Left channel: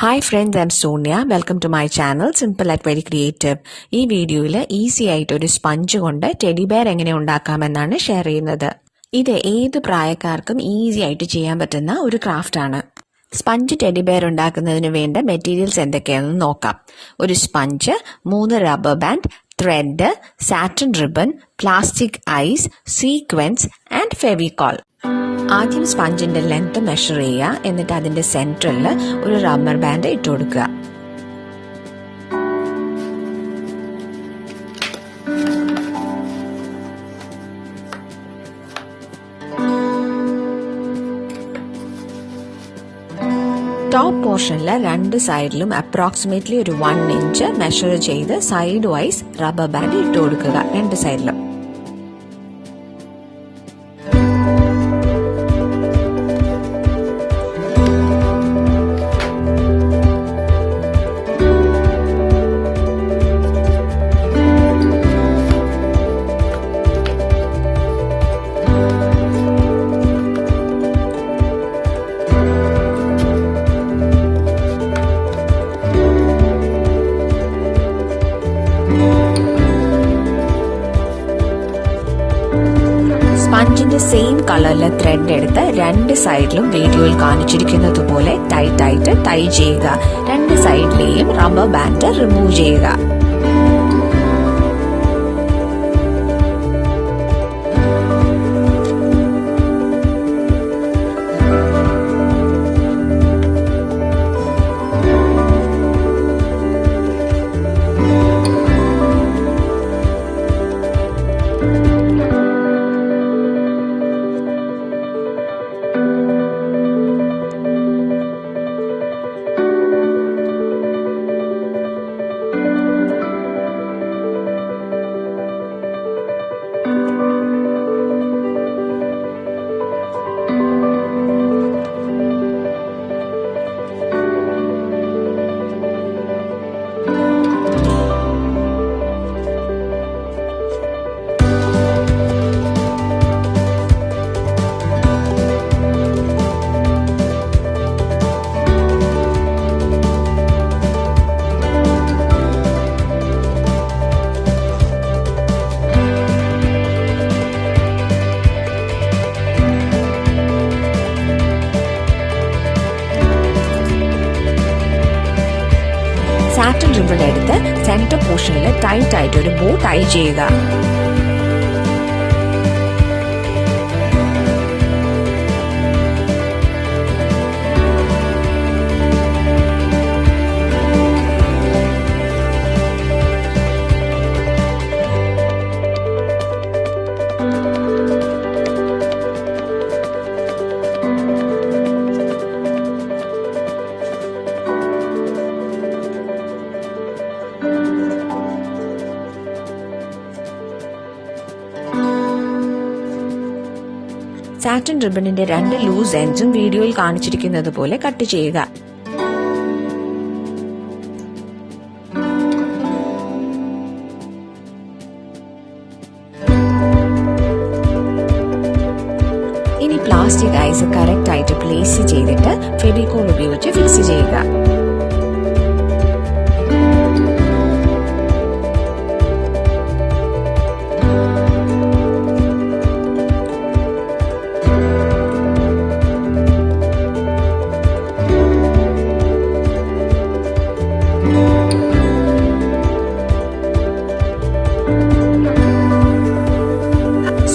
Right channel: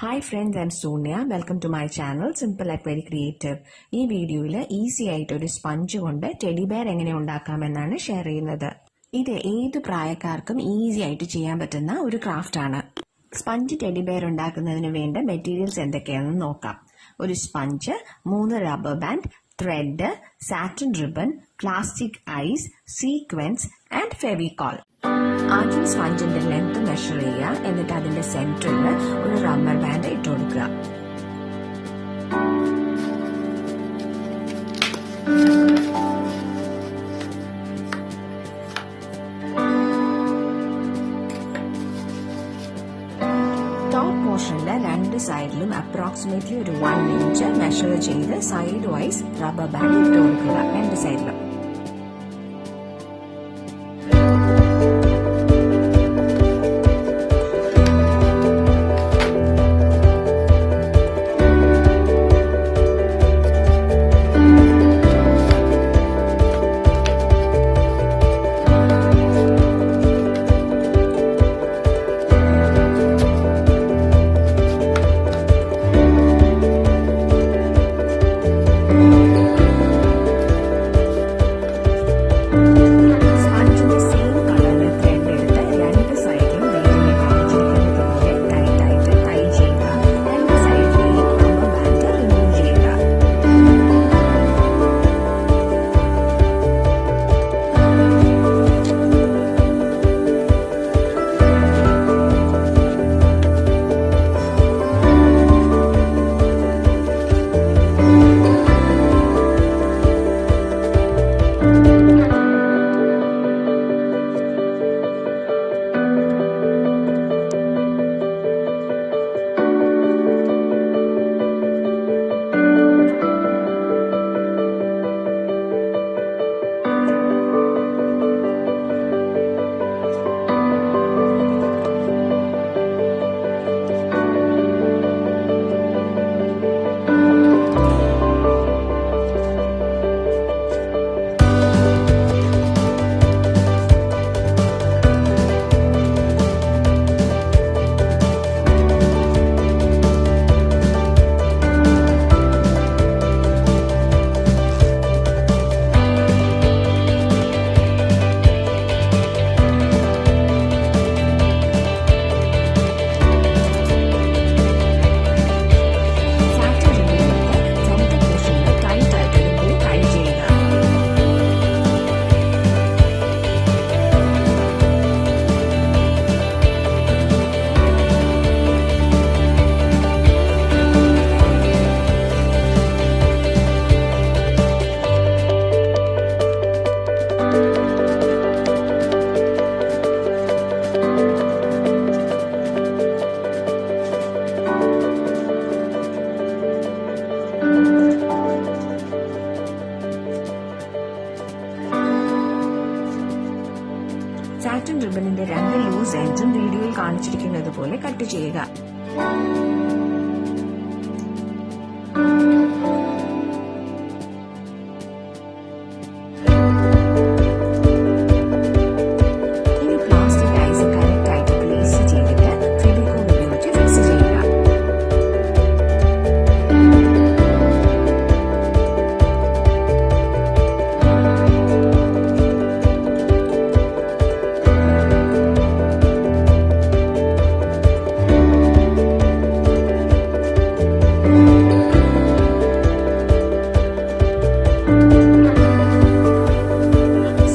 Hi friends, I'm Sonia. Welcome to my channel, Simple at Very Creative. ഈ വീഡിയോയിൽ easy ആയിട്ട് ഒരു sponge കൊണ്ട് ടെഡി ബെയർ എങ്ങനെ ഉണ്ടാക്കാമെന്നാണ് ഷെയർ ചെയ്യുന്നത്. ഇത് ഏത് പ്രായക്കാർക്കും ഈസി ആയിട്ട് ചെയ്യാൻ പറ്റുന്ന ഒരു ക്രാഫ്റ്റ് ആണ്. സ്പഞ്ച് ടെഡി ബെയർ ഉണ്ടാക്കുന്നതിന് വേണ്ട മെറ്റീരിയൽസ് എന്തൊക്കെയാണെന്ന് നോക്കാം. ഒരു sponge, 3 rubber band, thread, satin ribbon, plastic eyes, sequins and Fevicol. ആദ്യം സ്പഞ്ചിന്റെ ലെങ്ത് മെഷർ ചെയ്യുക. എന്നിട്ട് അതിന്റെ സെന്ററിൽ ഒരു റബ്ബർ ബാൻഡ് ഇട്ട് കൊടുക്കുക. ടോപ്പ് പോർഷനിൽ 2 സൈഡിലും അപ്രോക്സിമേറ്റ്ലി ഒരു 1 ഇഞ്ച് മെഷർ ചെയ്ത് സൈഡ് വൈസ് റബ്ബർ ബാൻഡ് ഇട്ട് കൊടുക്കുക 2 സൈഡിലും. സെയിം കളറിലെ ത്രെഡ് എടുത്ത് 2 സൈഡിലും വീഡിയോയിൽ കാണിച്ചിരിക്കുന്നത് പോലെ ടൈറ്റായിട്ട് ടൈ ചെയ്യുക. 2 സൈഡിലെയും റബ്ബർ ബാൻഡ് റിമൂവ് ചെയ്യുക. സാറ്റിൻ റിബൺ എടുത്ത് സെന്റർ പോർഷനിൽ ടൈറ്റ് ആയിട്ട് ഒരു ബോ ടൈ ചെയ്യുക. സാറ്റിൻ റിബണിന്റെ 2 ലൂസ് എൻഡ്സും വീഡിയോയിൽ കാണിച്ചിരിക്കുന്നത് പോലെ കട്ട് ചെയ്യുക. ഇനി പ്ലാസ്റ്റിക് ഐസ് കറക്റ്റ് ആയിട്ട് പ്ലേസ് ചെയ്തിട്ട് ഫെവിക്കോൾ ഉപയോഗിച്ച് ഫിക്സ് ചെയ്യുക.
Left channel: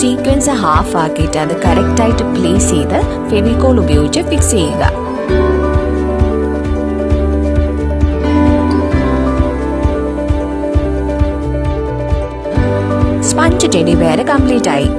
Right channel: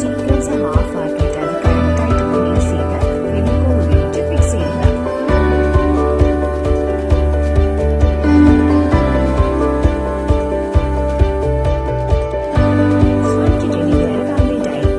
സീക്വൻസ് ഹാഫ് ആക്കിയിട്ട് അത് കറക്റ്റായിട്ട് പ്ലേസ് ചെയ്ത് ഫെവിക്കോൾ ഉപയോഗിച്ച് ഫിക്സ് ചെയ്യുക. സ്പഞ്ച് ടെഡി ബെയർ കംപ്ലീറ്റ് ആയി.